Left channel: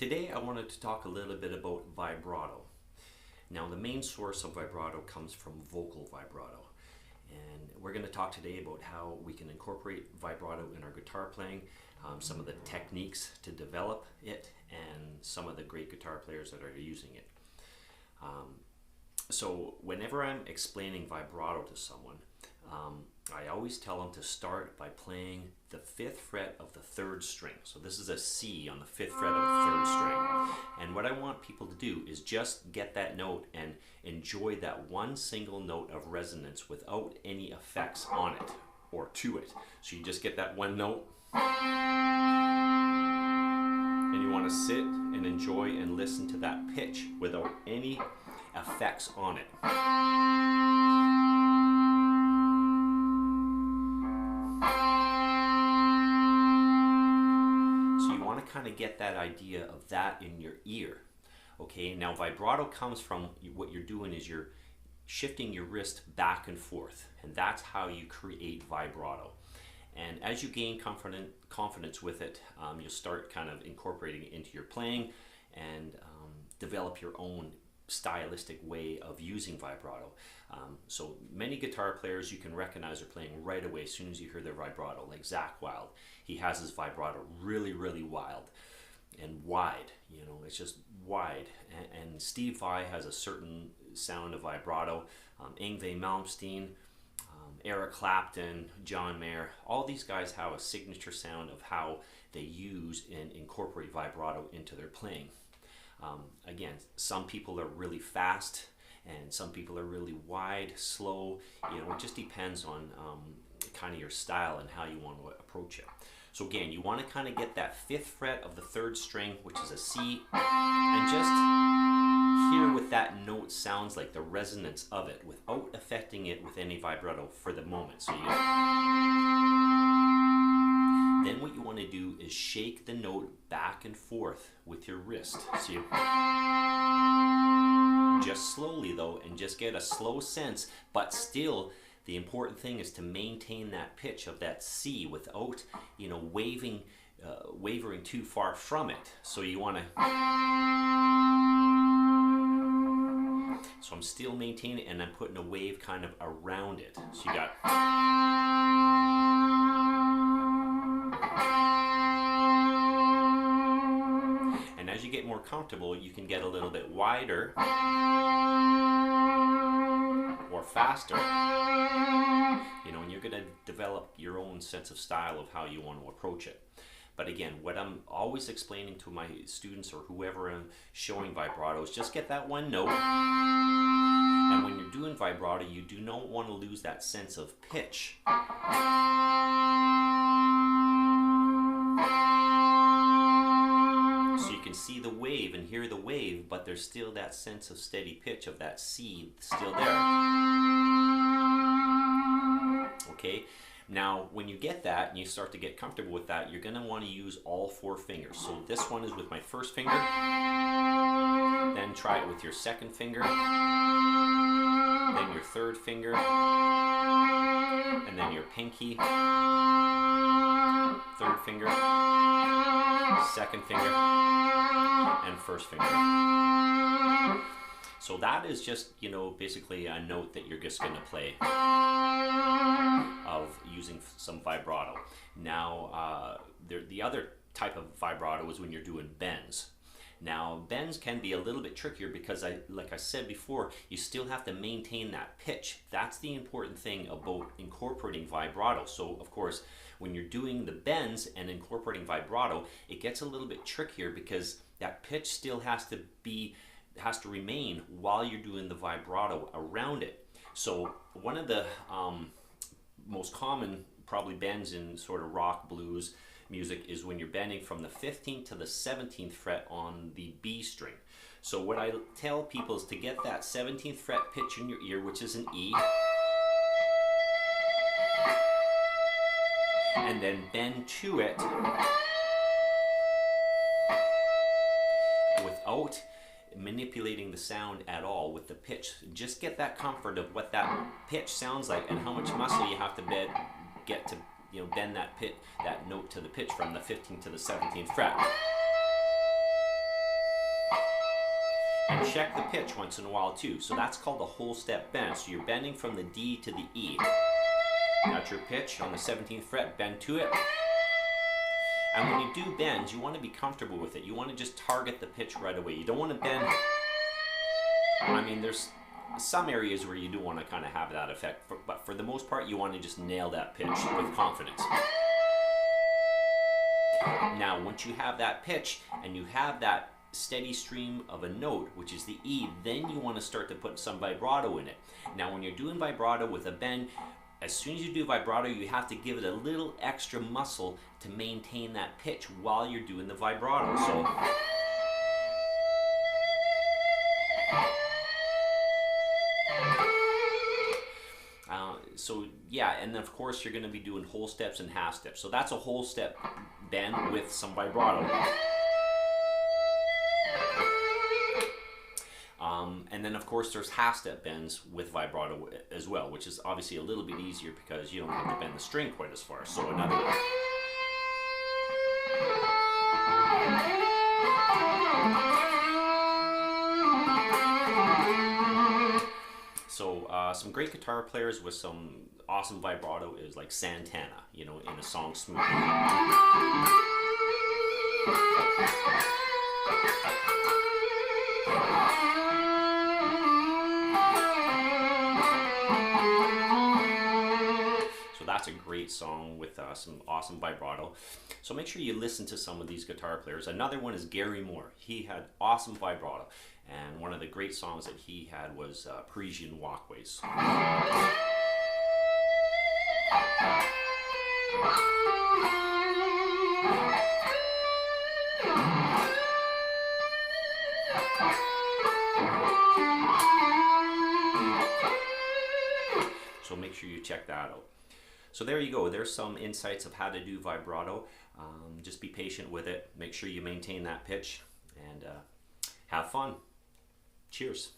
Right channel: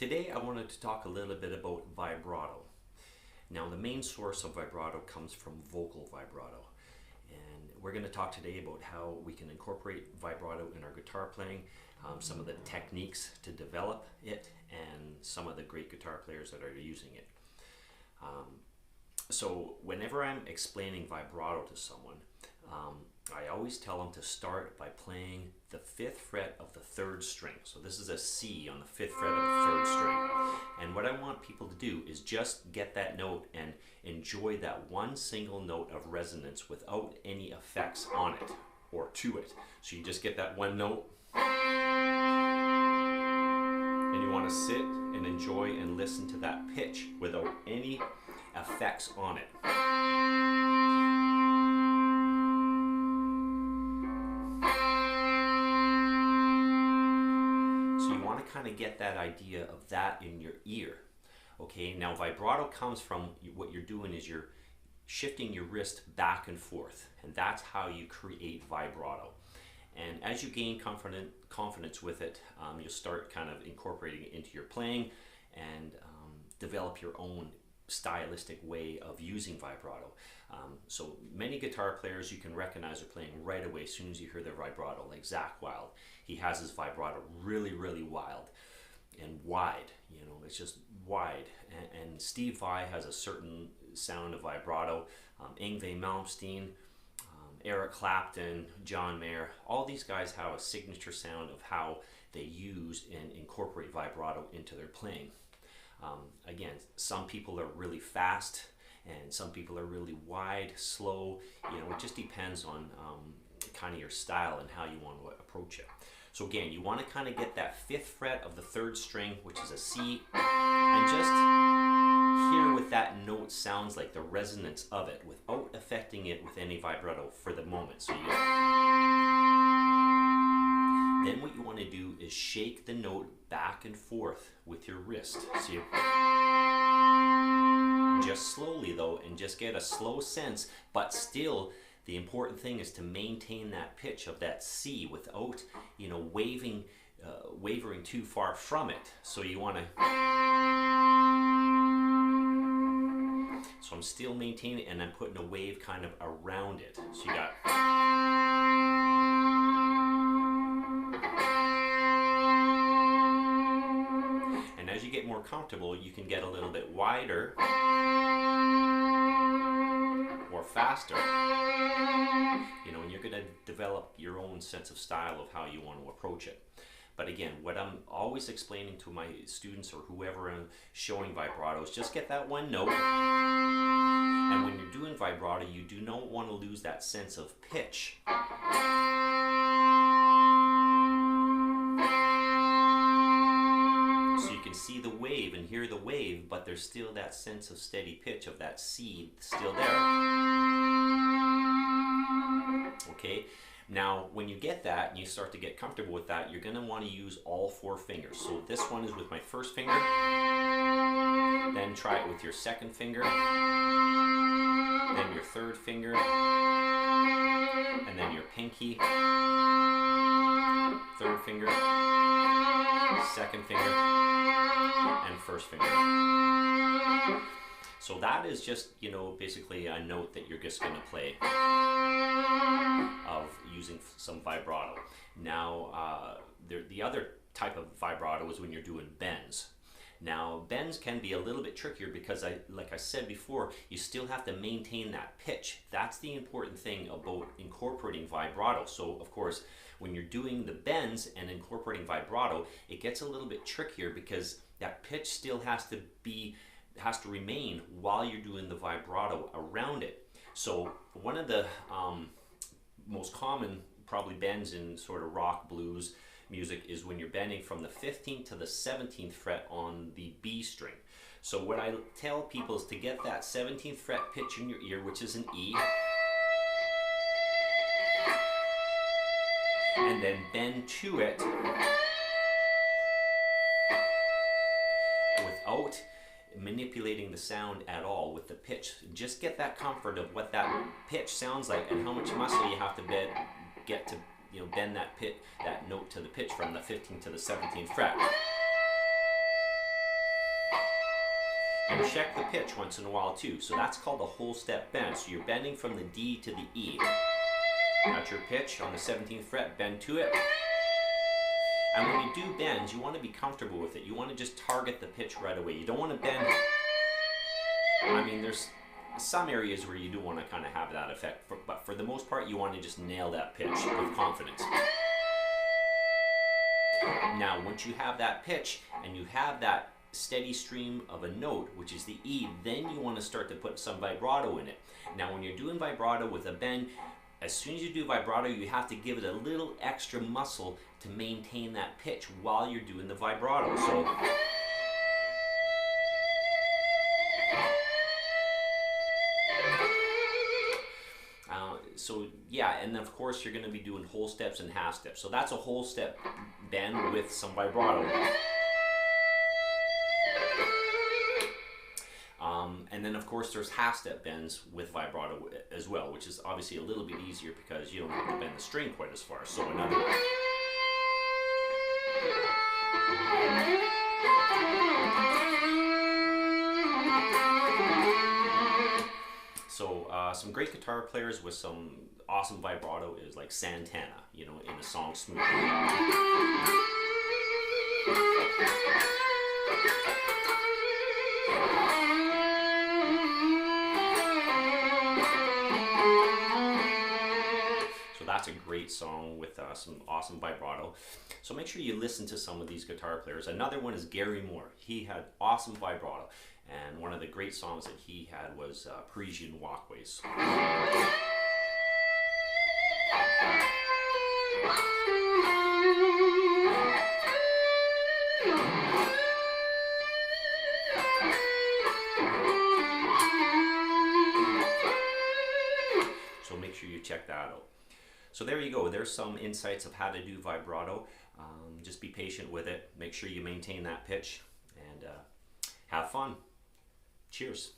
Today I wanted to talk a little bit about vibrato. Now the main source of vibrato comes from vocal vibrato, and we're going to talk today about how we can incorporate vibrato in our guitar playing, some of the techniques to develop it, and some of the great guitar players that are using it. So whenever I'm explaining vibrato to someone, I always tell them to start by playing the 5th fret of the 3rd string. So this is a C on the 5th fret of the 3rd string. And what I want people to do is just get that note and enjoy that one single note of resonance without any effects on it or to it. So you just get that one note, and you want to sit and enjoy and listen to that pitch without any effects on it. Kind of get that idea of that in your ear. Okay, now vibrato comes from what you're doing is you're shifting your wrist back and forth, and that's how you create vibrato. And as you gain confidence with it, you'll start kind of incorporating it into your playing and develop your own stylistic way of using vibrato. So many guitar players you can recognize are playing right away as soon as you hear their vibrato, like Zakk Wylde. He has his vibrato really wild and wide, you know, it's just wide. And Steve Vai has a certain sound of vibrato. Yngwie Malmsteen, Eric Clapton, John Mayer, all these guys have a signature sound of how they use and incorporate vibrato into their playing. Again, some people are really fast and some people are really wide, slow. You know, it just depends on kind of your style and how you want to approach it. So again, you want to kind of get that 5th fret of the 3rd string, which is a C, and just hear what that note sounds like, the resonance of it, without affecting it with any vibrato for the moment. So then what you want to do is shake the note back and forth with your wrist. So you just slowly though, and just get a slow sense, but still the important thing is to maintain that pitch of that C without, you know, wavering too far from it. So you want to, so I'm still maintaining it, and I'm putting a wave kind of around it. So you got, and as you get more comfortable, you can get a little bit wider or faster, you know, and you're going to develop your own sense of style of how you want to approach it. But again, what I'm always explaining to my students or whoever I'm showing vibrato is just get that one note, and when you're doing vibrato, you do not want to lose that sense of pitch. So you can see the wave and hear the wave, but there's still that sense of steady pitch of that C still there. Okay, now when you get that and you start to get comfortable with that, you're going to want to use all 4 fingers. So this one is with my 1st finger, then try it with your 2nd finger, then your 3rd finger, and then your pinky, 3rd finger, 2nd finger, and 1st finger. So that is just, you know, basically a note that you're just going to play of using some vibrato. Now, the other type of vibrato is when you're doing bends. Now, bends can be a little bit trickier because, like I said before, you still have to maintain that pitch. That's the important thing about incorporating vibrato. So, of course, when you're doing the bends and incorporating vibrato, it gets a little bit trickier because that pitch still has to remain while you're doing the vibrato around it. So, one of the most common probably bends in sort of rock blues music is when you're bending from the 15th to the 17th fret on the B string. So what I tell people is to get that 17th fret pitch in your ear, which is an E, and then bend to it without manipulating the sound at all with the pitch. Just get that comfort of what that pitch sounds like and how much muscle you have to get to, you know, bend that note to the pitch from the 15th to the 17th fret. And check the pitch once in a while too. So that's called a whole step bend. So you're bending from the D to the E. That's your pitch on the 17th fret, bend to it. And when you do bends, you want to be comfortable with it. You want to just target the pitch right away. You don't want to bend. I mean, there's some areas where you do want to kind of have that effect, but for the most part, you want to just nail that pitch with confidence. Now, once you have that pitch and you have that steady stream of a note, which is the E, then you want to start to put some vibrato in it. Now, when you're doing vibrato with a bend, as soon as you do vibrato, you have to give it a little extra muscle to maintain that pitch while you're doing the vibrato. So yeah, and then of course you're going to be doing whole steps and half steps. So that's a whole step bend with some vibrato. And then of course there's half step bends with vibrato as well, which is obviously a little bit easier because you don't have to bend the string quite as far. So another. So some great guitar players with some awesome vibrato is like Santana, you know, in the song Smooth. So that's a great song with some awesome vibrato. So make sure you listen to some of these guitar players. Another one is Gary Moore. He had awesome vibrato. And one of the great songs that he had was Parisian Walkways. So make sure you check that out. So there you go. There's some insights of how to do vibrato. Just be patient with it. Make sure you maintain that pitch and have fun. Cheers.